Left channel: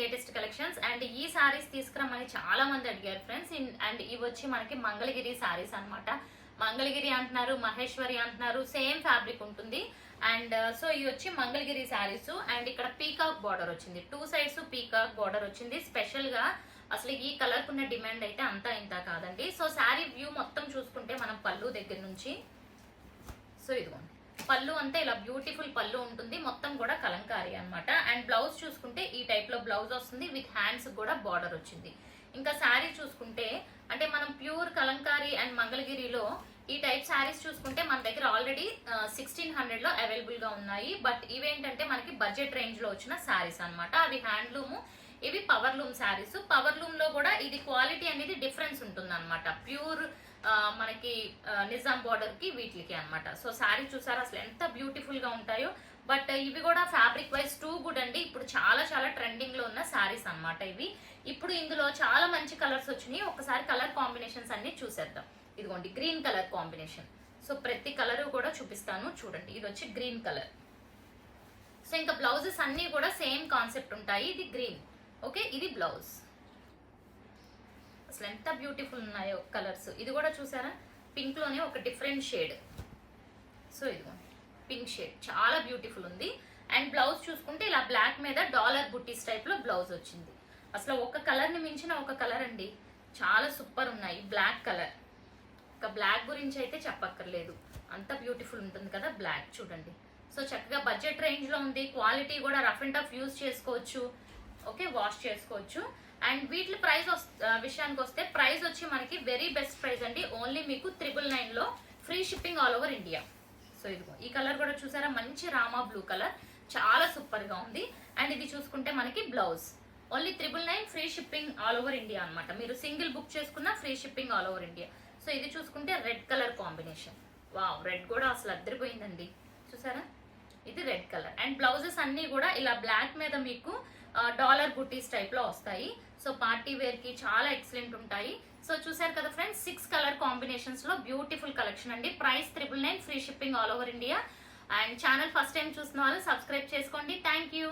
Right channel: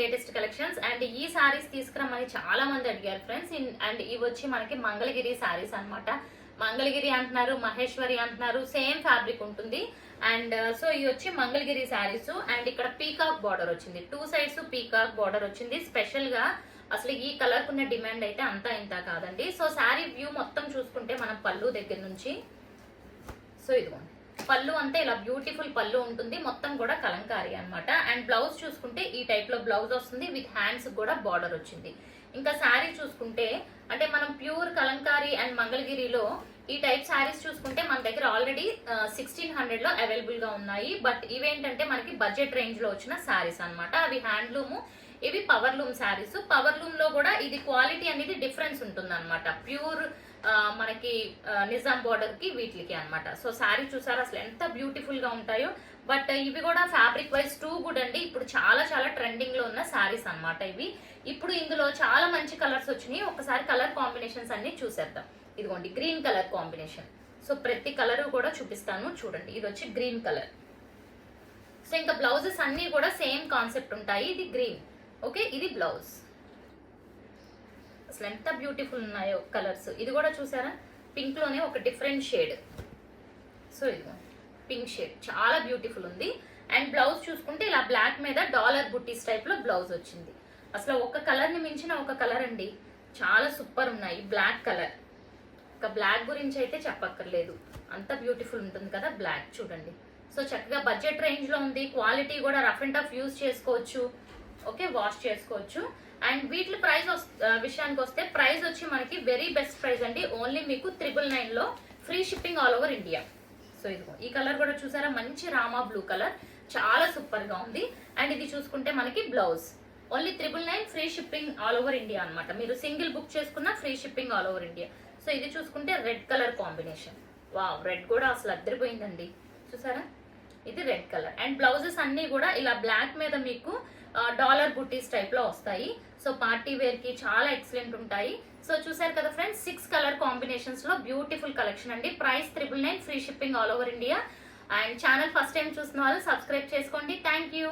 Latest collections. And ఈ సారీస్ తీసుకురమ్మని చాలా మంది అడిగారు ఫ్రెండ్స్. అండ్ ఇవి వచ్చి మనకి మంగళగిరి సారీస్ అన్నమాట. మంగళగిరి అంటున్నారు, మహేశ్వరి అంటున్నారు, సేమ్ ఫ్యాబ్రిక్ ఉంటుంది. అండ్ సో ఇది వచ్చి మంగళగిరి సారీస్. అండ్ ఇక్కడ పీకాక్ బార్డర్ వచ్చింది, 2 సైడ్స్ పీకాక్ బార్డర్ వచ్చింది. స్పెషల్ గా అసలు ఈ కలర్ కున్న డిమాండ్ అయితే అంతా ఇంత కాదండి. సో శారీ వ్యూ మొత్తం చూసుకుంటే మనం పళ్ళు దగ్గర నుంచి, సో ఇదిగోండి పళ్ళు అంతా ఇలా బ్యూటిఫుల్ పళ్ళు ఉంటుంది, మొత్తం కూడా కలంకారీ అన్నమాట. అండ్ బ్లౌజ్ చూసుకుంటే ఈ టైప్ లో బ్లౌజ్ వస్తుంది, విత్ హ్యాండ్స్ కూడా బార్డర్ వచ్చింది. ఇంకా శారీ చూసుకుంటే అంటే మనం ప్యూర్ కలంకారీ అండ్ మంగళగిరిలో ఈ టైప్ శారీస్ చూసుకుంటే మన దగ్గర ఆల్రెడీ 1600 లో అవైలబుల్ గా ఉన్నాయి. బట్ ఇవేంటంటే మనకి బడ్జెట్ రేంజ్ లో వచ్చిన శారీస్ అన్నమాట. అవి హ్యాండ్లూమ్, ఇవి power loom saris. Power loom లో కూడా ఇది క్వాలిటీ అనేది డిఫరెన్స్ ఉంటుంది అనమాట, ప్యూర్ మనకి నిజాం బార్డర్ కి వీటికి అన్నమాట. సో శారీ చూసారా అసలు ఎంత బ్యూటిఫుల్ గా ఉంటాయో. బట్ ఇవి కూడా ఫ్యాబ్రిక్ వైజ్ టూ గుడ్ అండి. ఇప్పుడు చాలా చాలా ట్రెండింగ్ లో ఉన్న శారీస్ అన్నమాట ఇవి. ఇప్పుడు ఇందులో చాలా మంచి కలర్స్ వచ్చినాయి. ఒకసారి కలర్ కాంబినేషన్స్ అన్ని చూసేద్దాం. ఇదిగోండి గ్రీన్ కలర్ కాంబినేషన్. సో ప్రతి కలర్ కూడా చూపిస్తాను చూడండి. ఇది వచ్చి గ్రీన్ కలర్. సో ఇంకా బ్లౌజెస్ అన్ని కూడా సేమ్ కాన్సెప్ట్ ఉంటాయి. ఇది గ్రీన్, ఓకే, ఇది బ్లౌజ్. అసలు ఎంత బ్యూటిఫుల్ ఉన్నాయో కలర్స్. ఇది కూడా చూసారా పింక్ లోనే ఒక డిఫరెంట్ షేడ్. సో ఇదిగో పింక్ షేడ్ చాలా బ్యూటిఫుల్ ఉంది. అండ్ బ్లౌజ్ చూసుకుంటే ఇలా బ్లాక్ మీద డాలర్ బుట్టీస్ టైప్ లో బ్లౌజ్ వచ్చింది. అసలు ఒక కలర్ ని మించిన ఒక కలర్ అండి, చాలా సూపర్ ఉన్నాయి. బ్లాక్ కలర్, ఒక బ్లాక్ గురించి అయితే చెప్పక్కర్లేదు, అంత బ్యూటిఫుల్ ఉంటుంది కదా బ్లాక్. చూడండి సో చక్కగా బడ్జెట్ రేంజ్ లో ఉంది. క్వాలిటీ కూడా రఫ్ అండ్ టఫ్ యూజ్ చేసుకోవచ్చు, ఓకే, వాష్ చేసుకోవచ్చు. అండ్ వీటి ప్రైస్ విషయానికి వస్తే ప్రైస్ వచ్చి మనకి వెరీ బెస్ట్ ప్రైస్ అండి. ఓన్లీ మీకు 999 లో free shipping all over India. So ఇదిగో ఈ కలర్ కూడా చూసారా, మంచి రామా బ్లూ కలర్, చాలా సూపర్ గా ఉంది. అండ్ ఇది చూసుకుంటే మనకి blouse only 999 free shipping all over India అనమాట. మీరు సింగిల్ బుక్ చేసుకున్న free shipping all over India. So ఇది చూసుకుంటే red colour combination. Wow, red కూడా అసలు అద్దరిపోయిందండి చూసారా, ఇది రెడ్ కలర్. అండ్ బ్లౌజెస్ అన్ని కూడా ఇలా బ్లాక్ మీద మీకు డాలర్ బుట్టీస్ టైప్ లో వస్తాయి. సో పార్టీ వేర్ కి చాలా ఎక్సలెంట్ ఉంటాయి. సో చూసారు కదా ఫ్రెండ్స్, 6 కలర్ కాంబినేషన్స్ లో బ్యూటిఫుల్ కలెక్షన్ అండి. Price 999 free shipping all over India. And channel first time చూసిన వాళ్ళు సబ్స్క్రైబ్ చేసుకోండి. Thank you.